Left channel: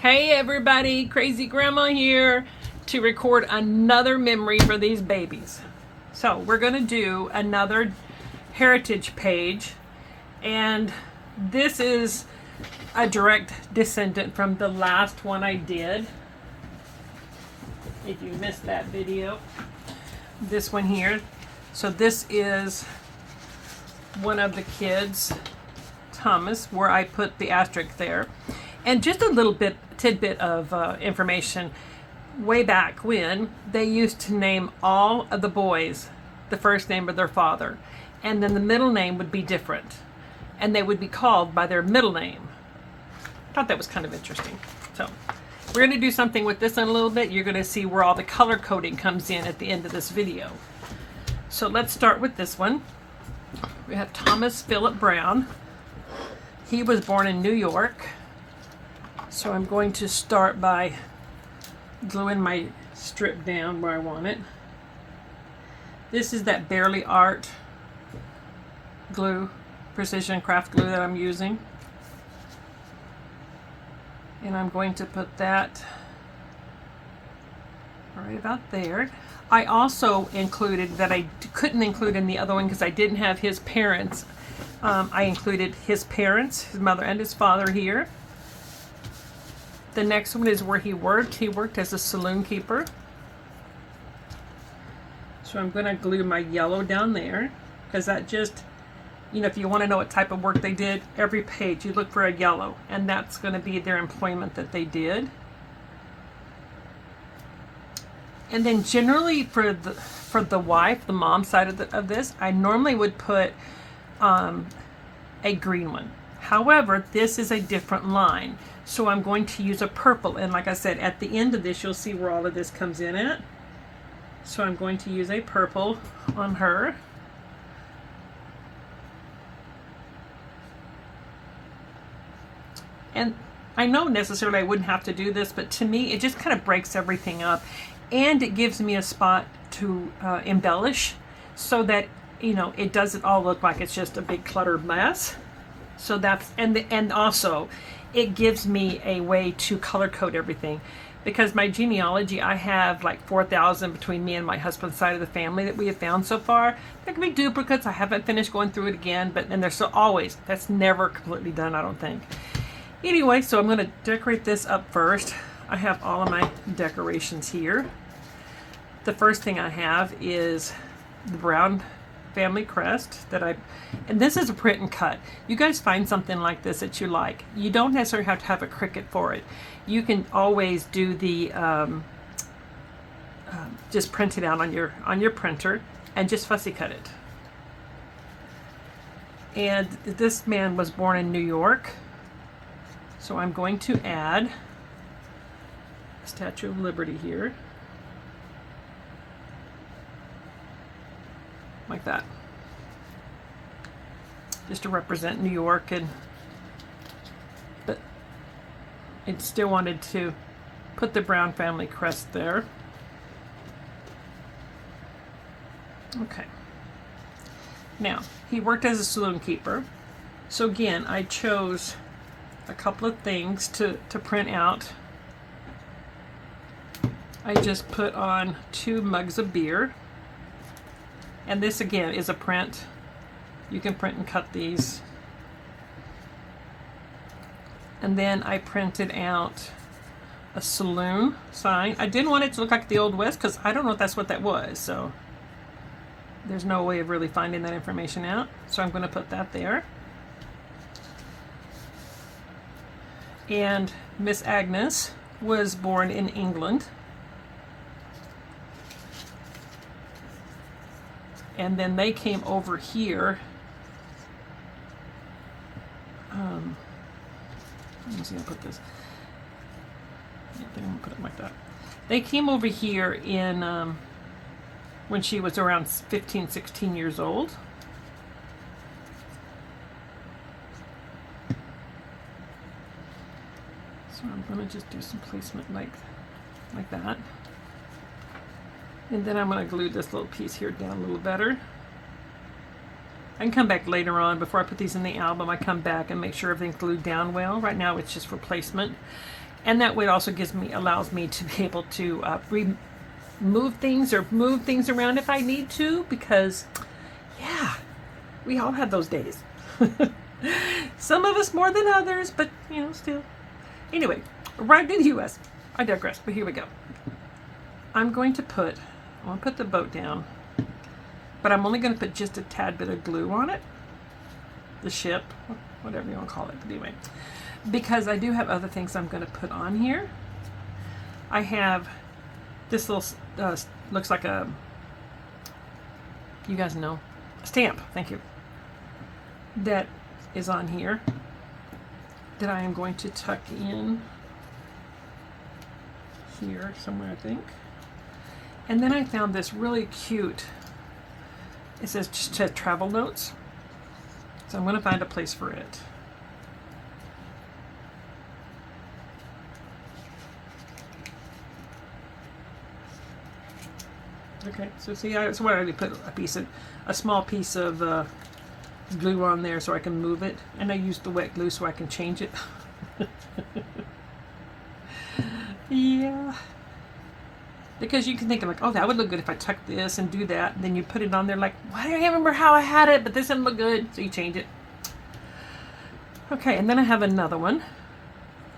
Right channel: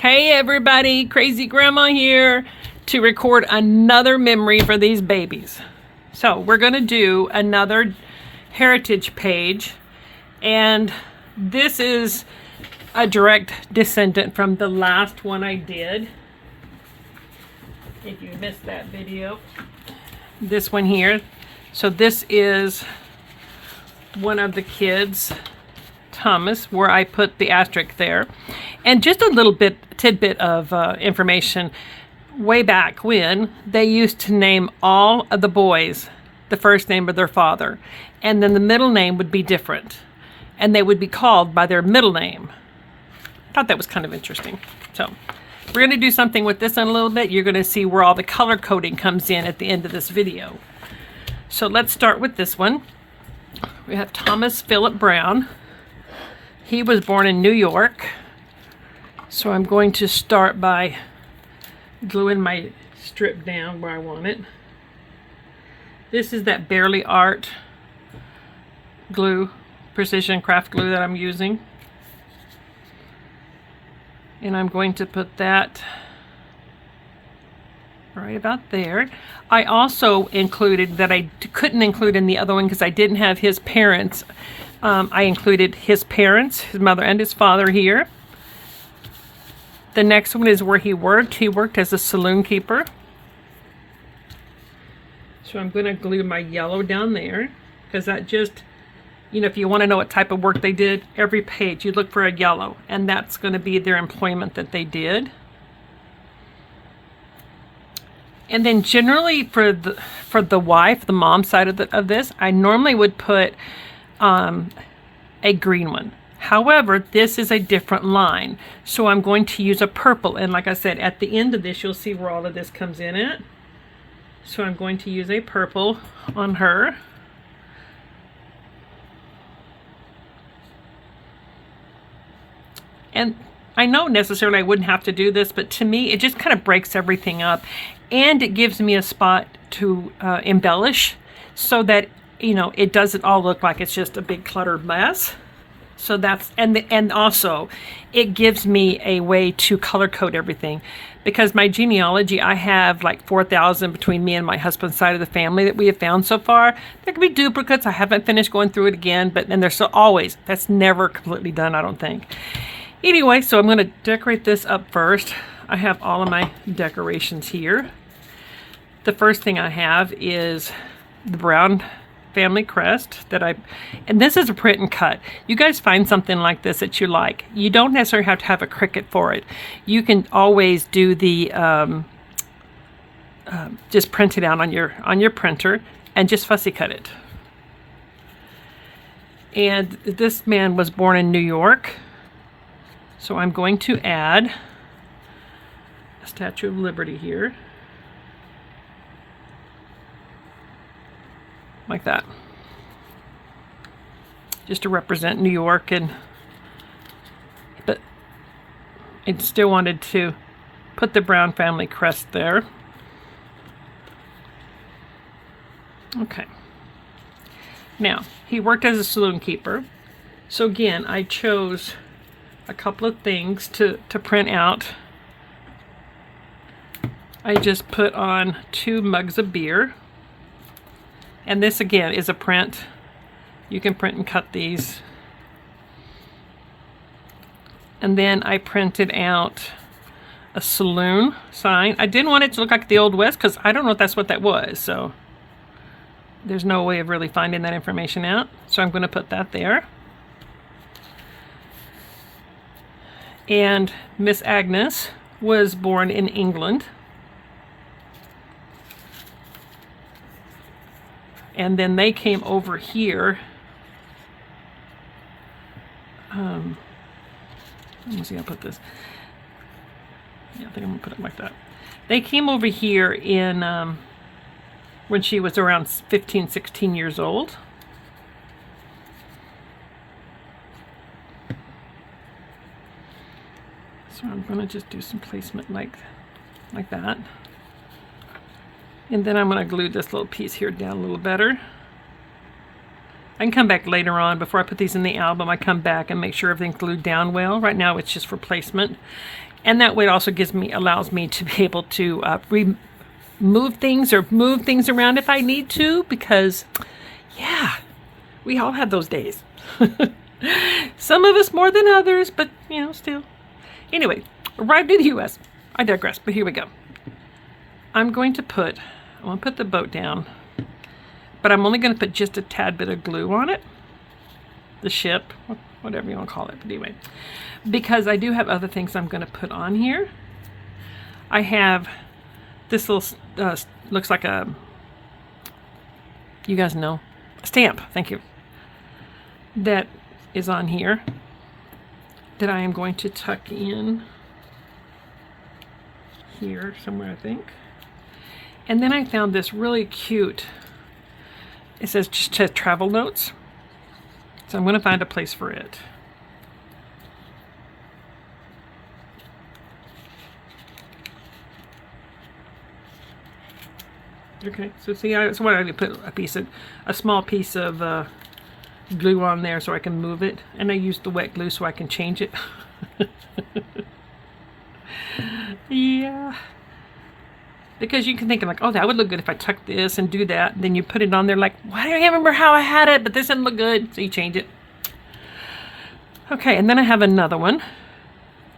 Hey everybody, Crazy Grandma here to record another memory for these babies. So we're going to do another heritage page, and this is a direct descendant from the last one I did. If you missed that video, this one here. So this is one of the kids, Thomas, where I put the asterisk there. And just a little bit tidbit of information. Way back when, they used to name all of the boys the first name of their father, and then the middle name would be different, and they would be called by their middle name. I thought that was kind of interesting. So we're going to do something with this in a little bit. You're going to see where all the color coding comes in at the end of this video. So let's start with this one. We have Thomas Philip Brown. He was born in New York. So I'm going to start by gluing my strip down where I want it. This is that Barely Art glue, precision craft glue that I'm using. And I'm going to put that right about there. I also included that I couldn't include in the other one because I didn't have his parents. I included his parents, his mother and his father here. The next one is where he worked. He worked as a saloon keeper. So I'm going to glue my yellow down there because that just, you know, if you want to know what type of work they did, every page you look for a yellow, and that's going to be their employment that they did. And then generally for the wife, the mom side of this, I normally would put a green one. However, this is a different line, so I'm going to use a purple. And like I said, at the end of this, you'll see where all of this comes in at. So I'm going to use a purple on her. And I know necessarily I wouldn't have to do this, but to me, it just kind of breaks everything up. And it gives me a spot to embellish so that, you know, it doesn't all look like it's just a big cluttered mess. So that's, and also it gives me a way to color code everything, because my genealogy, I have like 4,000 between me and my husband's side of the family that we have found so far. There could be duplicates. I haven't finished going through it again, but and there's so always, that's never completely done, I don't think. Anyway, so I'm going to decorate this up first. I have all of my decorations here. The first thing I have is the Brown family crest that and this is a print and cut. You guys find something like this that you like. You don't necessarily have to have a Cricut for it. You can always do the just print it out on your printer and just fussy cut it. And this man was born in New York, so I'm going to add a Statue of Liberty here. Like that, just to represent New York, but I still wanted to put the Brown family crest there. Okay, now he worked as a saloon keeper, so again I chose a couple of things to print out. I just put on 2 mugs of beer. And this again is a print. You can print and cut these. And then I printed out a saloon sign. I didn't want it to look like the Old West because I don't know if that's what that was. So there's no way of really finding that information out. So I'm going to put that there. And Miss Agnes was born in England. And then they came over here. Let me see how I put this. Yeah, I think I'm gonna put it like that. They came over here in when she was around 15, 16 years old. So I'm gonna just do some placement like that. And then I'm going to glue this little piece here down a little better. I can come back later on before I put these in the album. I come back and make sure everything's glued down well. Right now it's just for placement. And that way it also allows me to be able to remove things or move things around if I need to, because yeah, we all have those days. Some of us more than others, but you know, still. Anyway, arrived in the US. I digress, but here we go. I want to put the boat down, but I'm only going to put just a tad bit of glue on it. The ship, whatever you want to call it, but anyway, because I do have other things I'm going to put on here. I have this little, looks like a, you guys know, stamp, thank you, that is on here that I am going to tuck in here somewhere, I think. And then I found this really cute, it says just travel notes. So I'm going to find a place for it. Okay, so see, so what I do, put a small piece of glue on there so I can move it, and I use the wet glue so I can change it. Yeah, because you can think of like, oh, that would look good if I tuck this and do that. And then you put it on there like, why do I remember how I had it, but this didn't look good, so you change it. Okay, and then I have another one.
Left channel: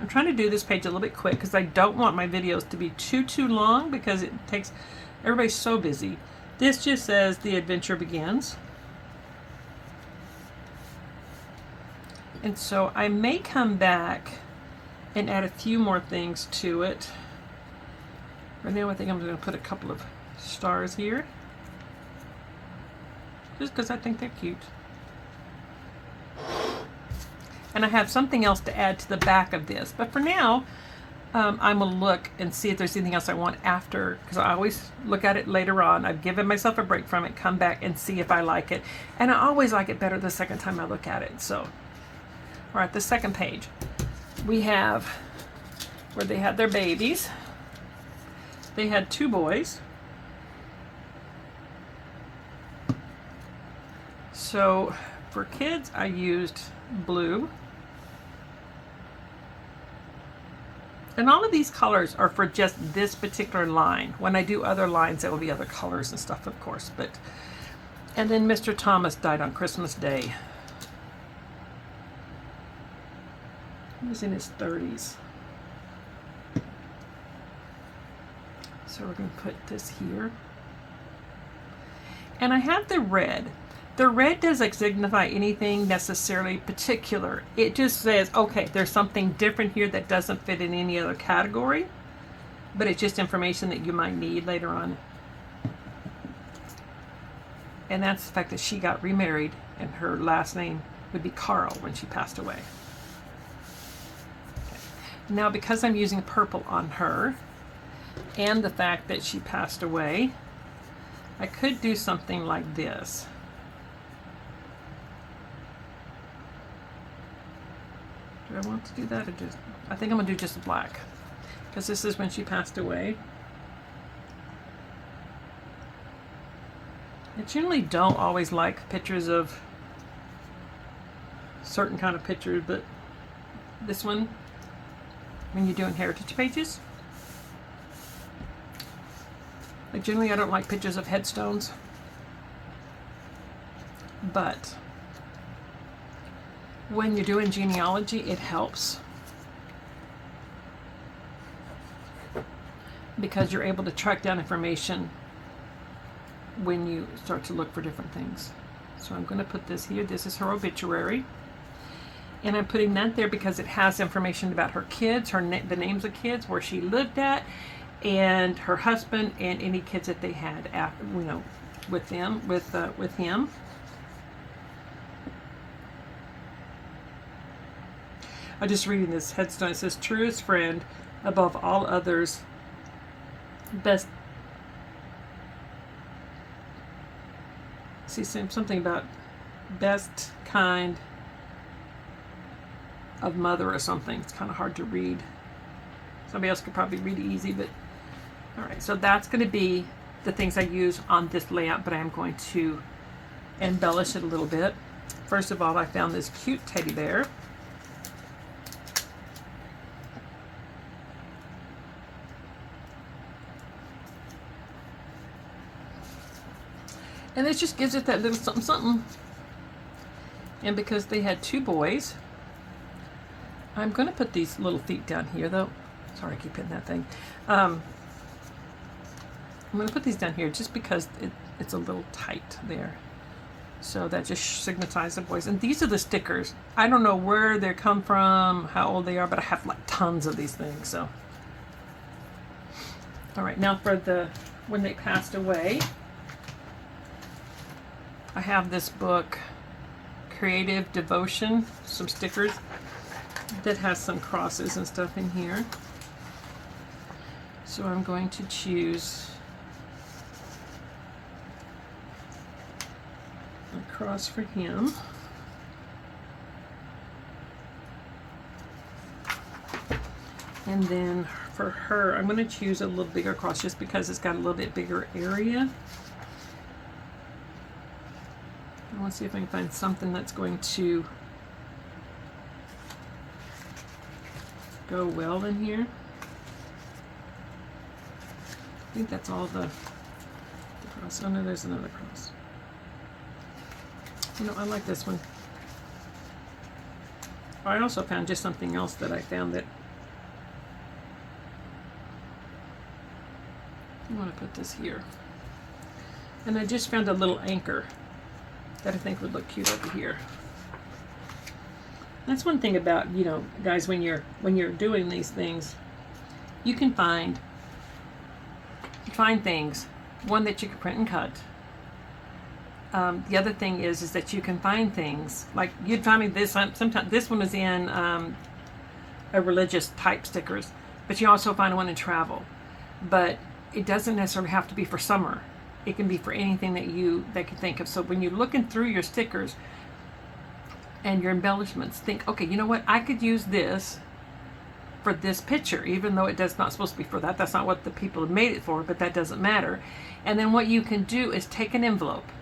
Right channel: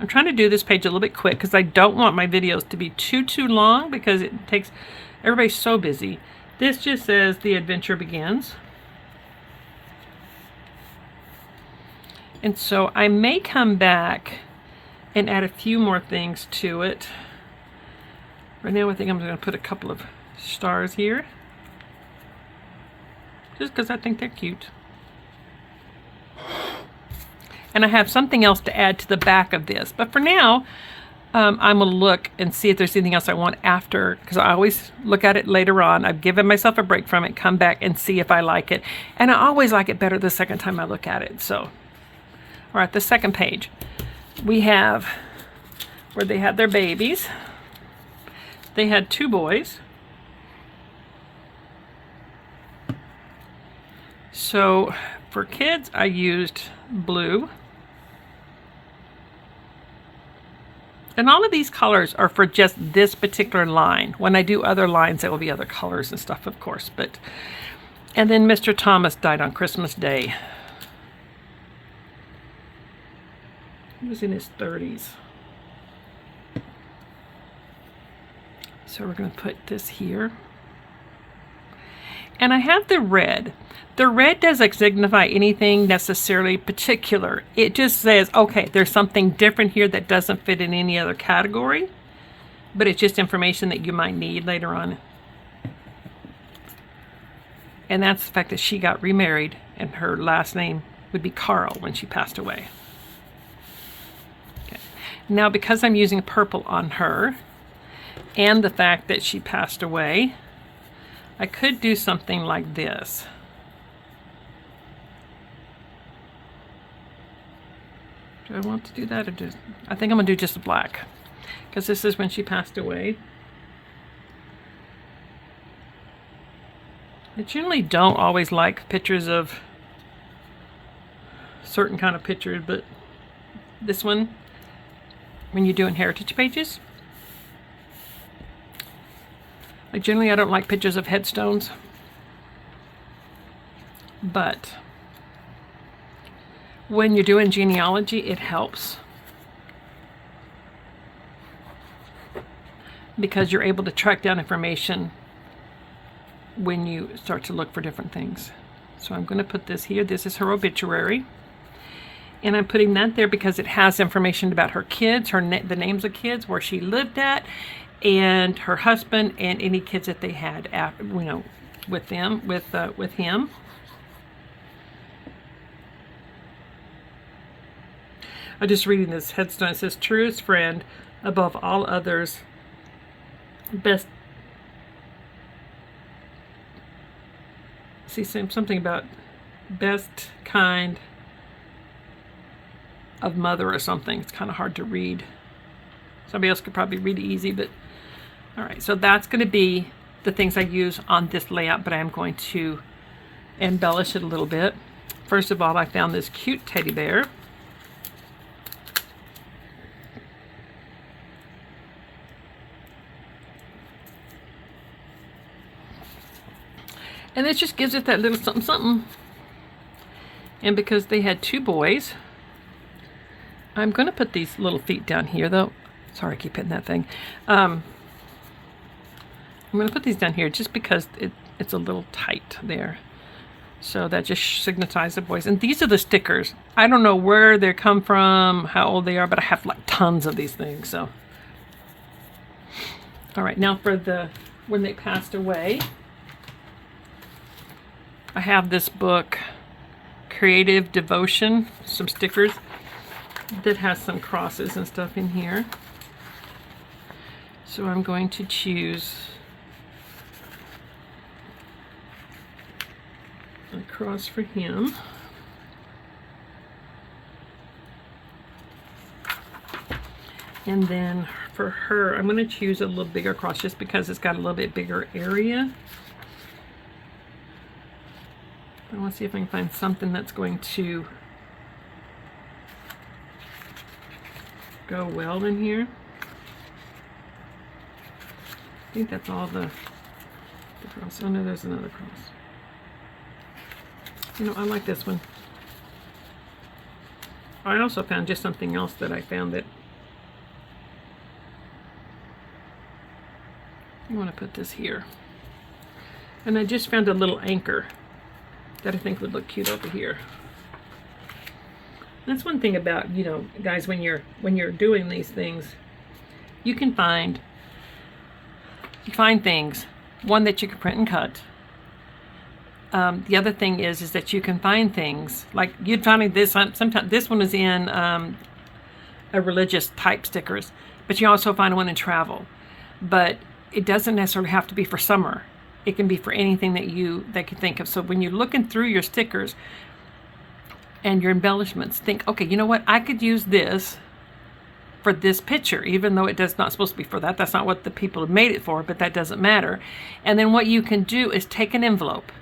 I'm trying to do this page a little bit quick because I don't want my videos to be too long, because it takes, everybody's so busy. This just says the adventure begins. And so I may come back and add a few more things to it. Right now I think I'm going to put a couple of stars here, just because I think they're cute. And I have something else to add to the back of this, but for now I'm going to look and see if there's anything else I want after, because I always look at it later on. I've given myself a break from it, come back and see if I like it, and I always like it better the second time I look at it. So all right, the second page we have where they had their babies. They had 2 boys. So for kids, I used blue. And all of these colors are for just this particular line. When I do other lines, there will be other colors and stuff, of course. But and then Mr. Thomas died on Christmas Day. He was in his 30s. So we're going to put this here. And I have the red. The red doesn't signify anything necessarily particular. It just says, okay, there's something different here that doesn't fit in any other category, but it's just information that you might need later on. And that's the fact that she got remarried and her last name would be Carl when she passed away. Okay. Now, because I'm using purple on her, and the fact that she passed away, I could do something like this. Do I want to do that, or just, I think I'm gonna do just black, because this is when she passed away. I generally don't always like pictures of certain kind of pictures, but this one, when you're doing heritage pages, like generally I don't like pictures of headstones, but when you're doing genealogy, it helps, because you're able to track down information when you start to look for different things. So I'm going to put this here. This is her obituary, and I'm putting that there because it has information about her kids, the names of kids, where she lived at, and her husband, and any kids that they had after, you know, with them, with him. I'm just reading this headstone. It says, truest friend above all others, best. See, something about best kind of mother or something. It's kind of hard to read. Somebody else could probably read it easy, but all right. So that's going to be the things I use on this layout, but I am going to embellish it a little bit. First of all, I found this cute teddy bear. And it just gives it that little something something. And because they had 2 boys, I'm going to put these little feet down here, though. Sorry, I keep hitting that thing. I'm going to put these down here just because it's a little tight there. So that just signifies the boys. And these are the stickers. I don't know where they come from, how old they are, but I have like tons of these things. So, all right, now for when they passed away, I have this book, Creative Devotion, some stickers that has some crosses and stuff in here. So I'm going to choose a cross for him. And then for her, I'm going to choose a little bigger cross just because it's got a little bit bigger area. I want to see if I can find something that's going to go well in here. I think that's all the cross. Oh no, there's another cross. You know, I like this one. I also found just something else that I found that I want to put this here. And I just found a little anchor that I think would look cute over here. That's one thing about, you know, guys, when you're doing these things, you can find things, one that you can print and cut. The other thing is that you can find things like you'd find this. Sometimes this one is in a religious type stickers, but you also find one in travel. But it doesn't necessarily have to be for summer. It can be for anything that you can think of. So when you're looking through your stickers and your embellishments, think, okay, you know what? I could use this for this picture, even though it does not supposed to be for that. That's not what the people have made it for, but that doesn't matter. And then what you can do is take an envelope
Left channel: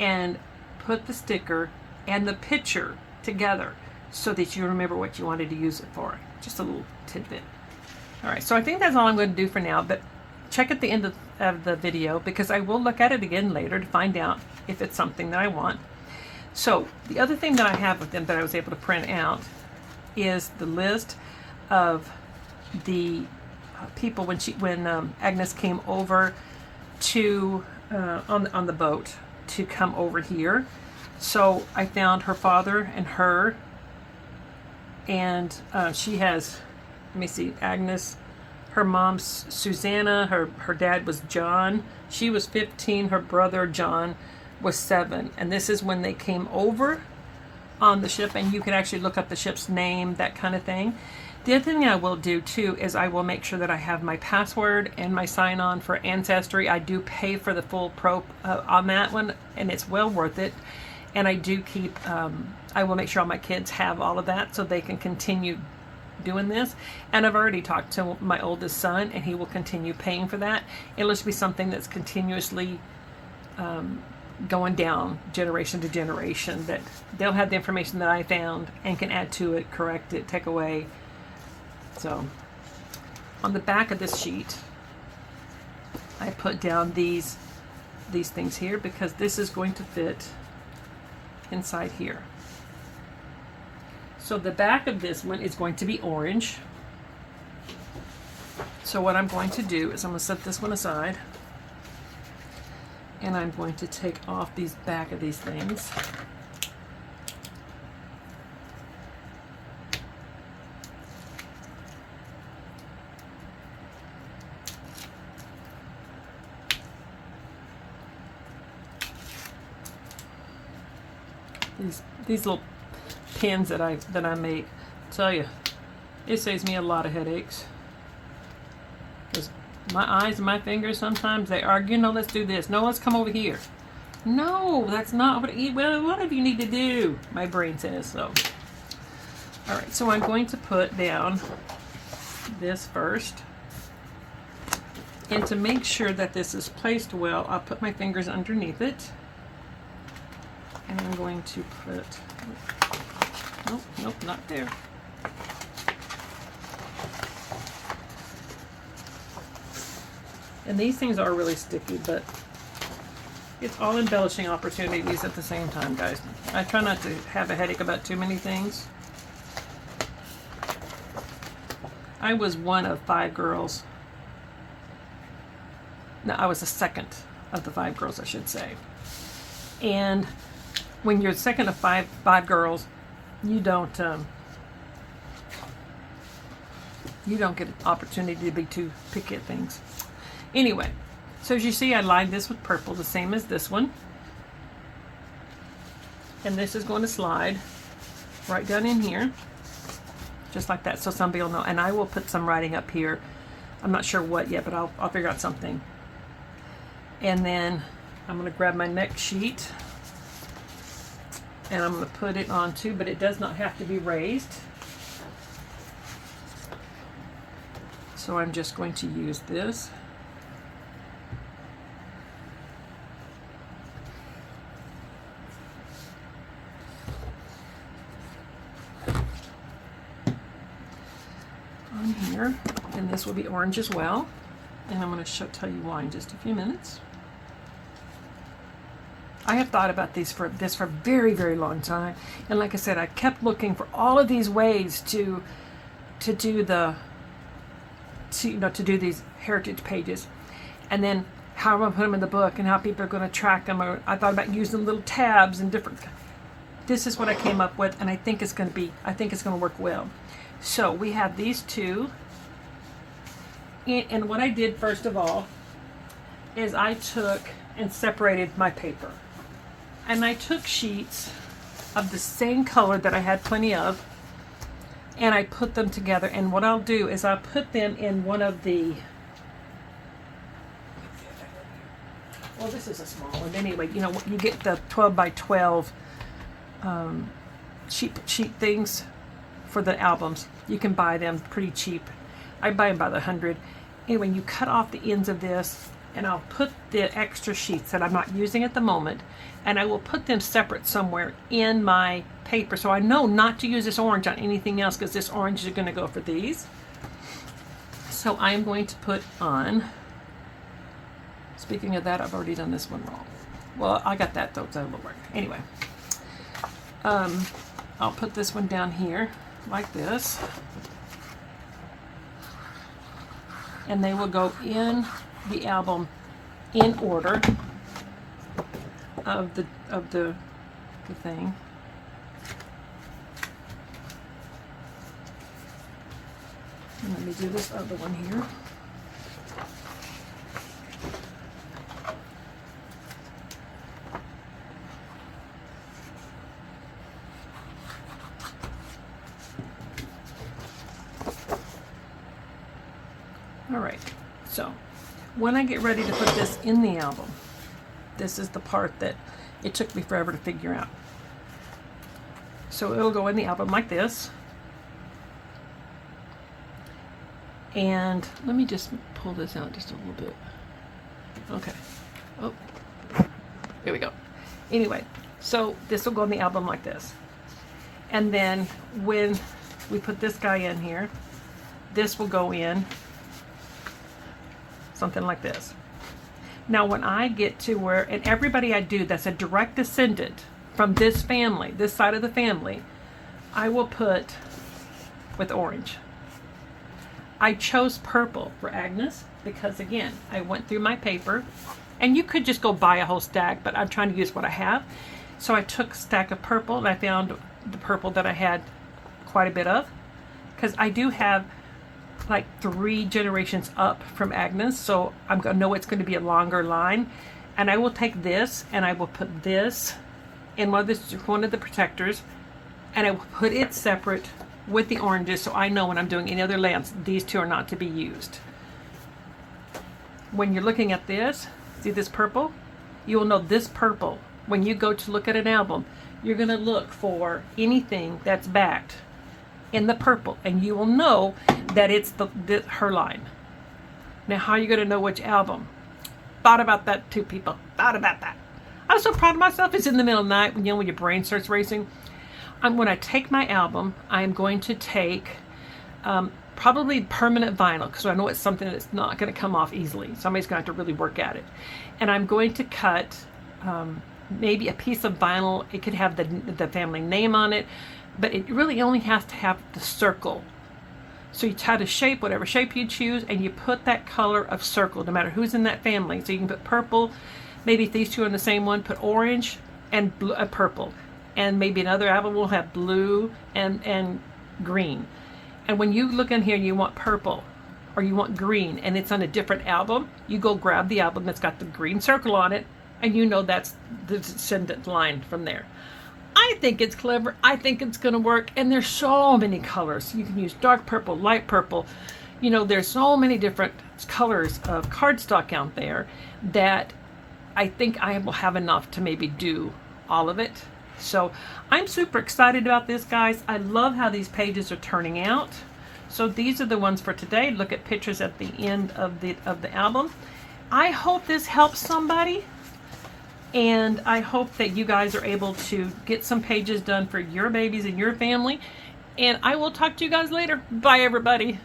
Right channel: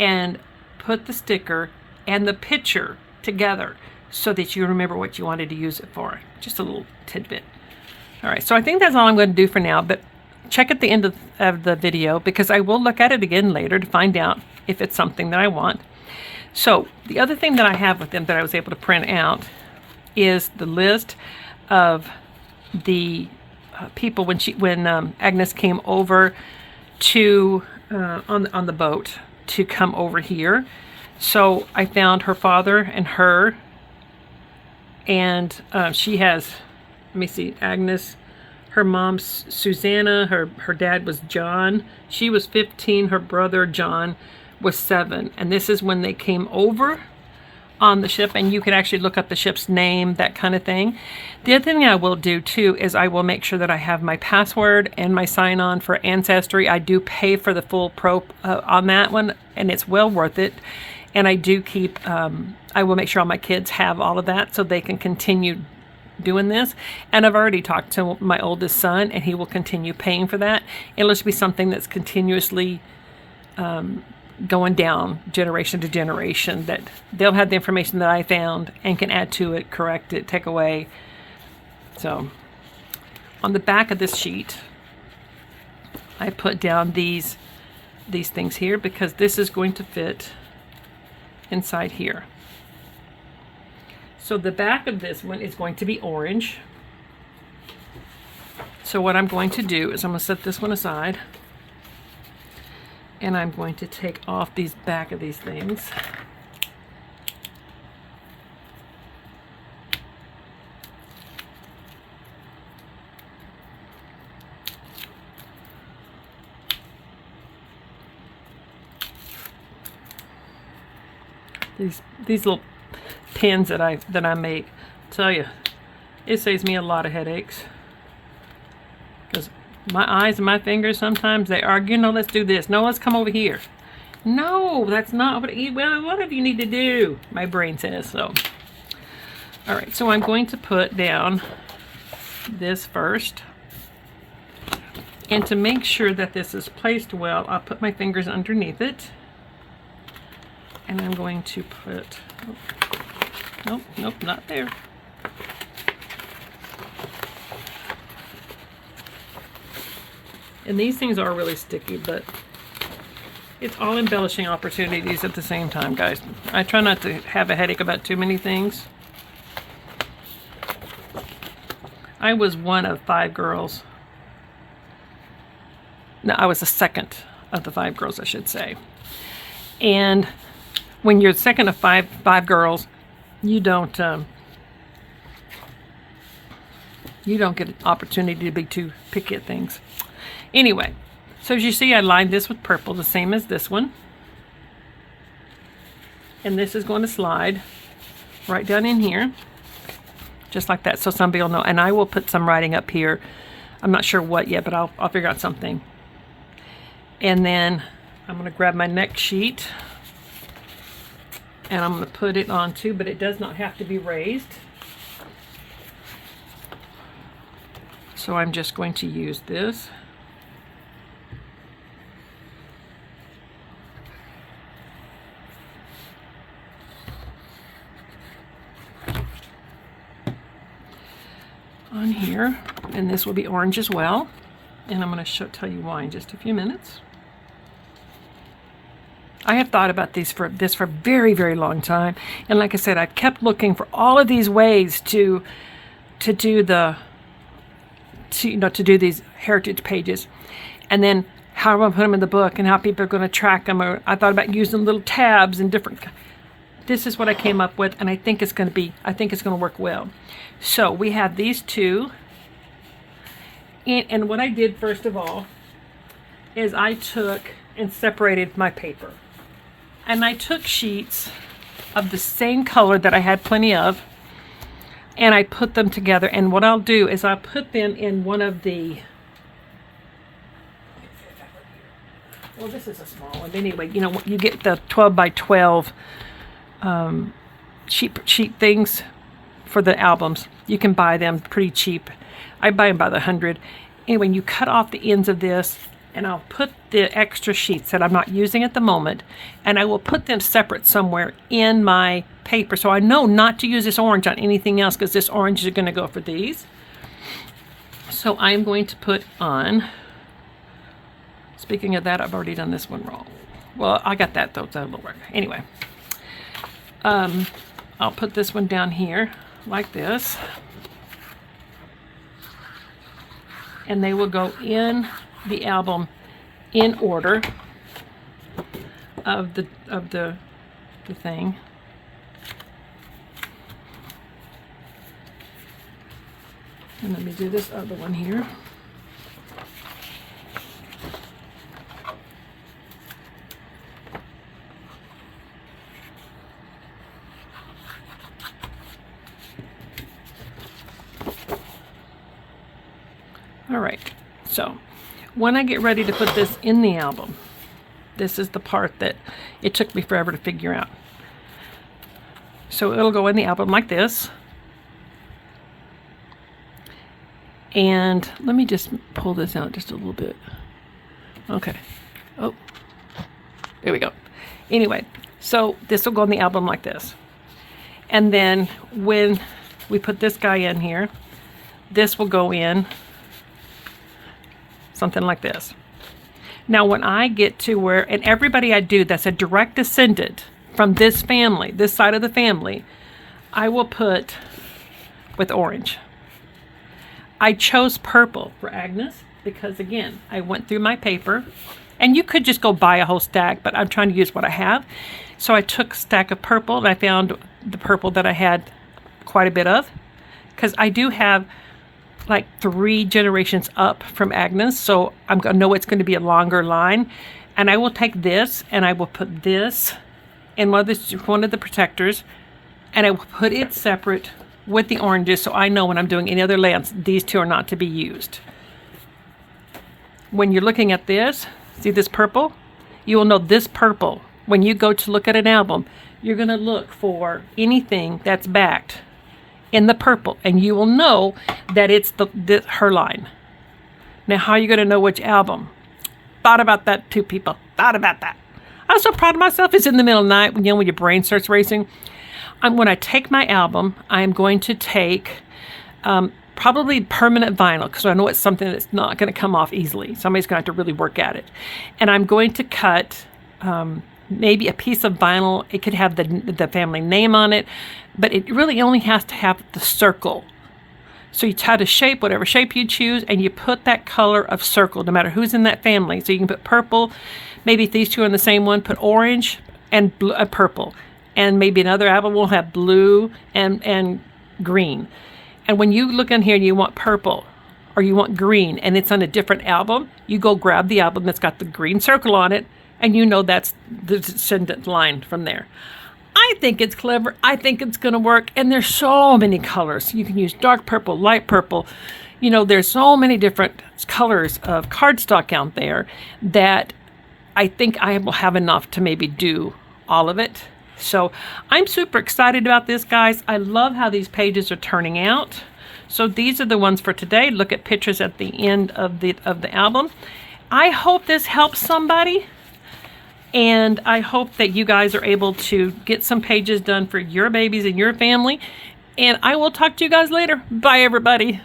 and put the sticker and the picture together so that you remember what you wanted to use it for. Just a little tidbit. All right, so I think that's all I'm going to do for now, but check at the end of the video because I will look at it again later to find out if it's something that I want. So the other thing that I have with them that I was able to print out is the list of the people when Agnes came over to on the boat to come over here. So I found her father and her, and she has, let me see, Agnes, her mom's Susanna, her dad was John. She was 15, her brother John was 7. And this is when they came over on the ship, and you can actually look up the ship's name, that kind of thing. The other thing I will do too is I will make sure that I have my password and my sign-on for Ancestry. I do pay for the full pro on that one, and it's well worth it. And I do keep, I will make sure all my kids have all of that so they can continue doing this. And I've already talked to my oldest son, and he will continue paying for that. It'll just be something that's continuously going down generation to generation, that they'll have the information that I found and can add to it, correct it, take away. So on the back of this sheet, I put down these things here because this is going to fit inside here. So the back of this one is going to be orange. So what I'm going to do is I'm going to set this one aside, and I'm going to take off these back of these things. These little pins that I make, tell you, it saves me a lot of headaches. Because my eyes and my fingers, sometimes they argue, no, let's do this. No, let's come over here. No, that's not what whatever you need to do, my brain says. So, all right, so I'm going to put down this first. And to make sure that this is placed well, I'll put my fingers underneath it. And I'm going to put, nope, not there. And these things are really sticky, but It's all embellishing opportunities at the same time, guys. I try not to have a headache about too many things. I was one of 5 girls. No, I was the second of the 5 girls, I should say. And when you're the second of five girls, you don't get an opportunity to be too picky at things. Anyway, so as you see, I lined this with purple, the same as this one. And this is going to slide right down in here, just like that, so somebody will know. And I will put some writing up here. I'm not sure what yet, but I'll figure out something. And then I'm going to grab my next sheet, and I'm going to put it on too, but it does not have to be raised. So I'm just going to use this. On here, and this will be orange as well. And I'm going to tell you why in just a few minutes. I have thought about this for a very, very long time, and like I said, I kept looking for all of these ways to do these heritage pages, and then how I'm going to put them in the book, and how people are going to track them. Or I thought about using little tabs and different. This is what I came up with, and I think it's going to work well. So we have these two, and what I did first of all is I took and separated my paper. And I took sheets of the same color that I had plenty of, and I put them together. And what I'll do is I'll put them in one of the, well, this is a small one. Anyway, you know, you get the 12 by 12 sheet things for the albums. You can buy them pretty cheap. I buy them by the 100. Anyway, you cut off the ends of this, and I'll put the extra sheets that I'm not using at the moment, and I will put them separate somewhere in my paper, so I know not to use this orange on anything else, because this orange is going to go for these. So I'm going to put on, speaking of that, I've already done this one wrong. Well, I got that though, that'll work. Anyway, I'll put this one down here like this, and they will go in the album in order of the thing. And let me do this other one here. All right, so when I get ready to put this in the album, this is the part that it took me forever to figure out. So it'll go in the album like this. And let me just pull this out just a little bit. Okay. Oh, there we go. Anyway, so this will go in the album like this. And then when we put this guy in here, this will go in something like this. Now when I get to where, and everybody I do that's a direct descendant from this family, this side of the family, I will put with orange. I chose purple for Agnes because, again, I went through my paper, and you could just go buy a whole stack, but I'm trying to use what I have. So I took a stack of purple, and I found the purple that I had quite a bit of, because I do have like 3 generations up from Agnes, so I'm gonna know it's going to be a longer line. And I will take this, and I will put this in one of the protectors, and I will put it separate with the oranges, so I know when I'm doing any other layouts, these two are not to be used. When you're looking at this, see this purple? You will know this purple. When you go to look at an album, you're going to look for anything that's backed in the purple, and you will know that it's her line. Now, how are you going to know which album? Thought about that too, people. Thought about that. I'm so proud of myself. It's in the middle of the night, when your brain starts racing. When I take my album, I am going to take probably permanent vinyl, because I know it's something that's not going to come off easily. Somebody's going to have to really work at it. And I'm going to cut maybe a piece of vinyl. It could have the family name on it, but it really only has to have the circle. So you try to shape whatever shape you choose, and you put that color of circle, no matter who's in that family. So you can put purple, maybe if these two are in the same one, put orange and blue, purple. And maybe another album will have blue and green. And when you look in here and you want purple, or you want green, and it's on a different album, you go grab the album that's got the green circle on it, and you know that's the descendant line from there. I think it's clever. I think it's going to work. And there's so many colors. You can use dark purple, light purple. You know, there's so many different colors of cardstock out there that I think I will have enough to maybe do all of it. So I'm super excited about this, guys. I love how these pages are turning out. So these are the ones for today. Look at pictures at the end of the album. I hope this helps somebody. And I hope that you guys are able to get some pages done for your babies and your family. And I will talk to you guys later. Bye, everybody.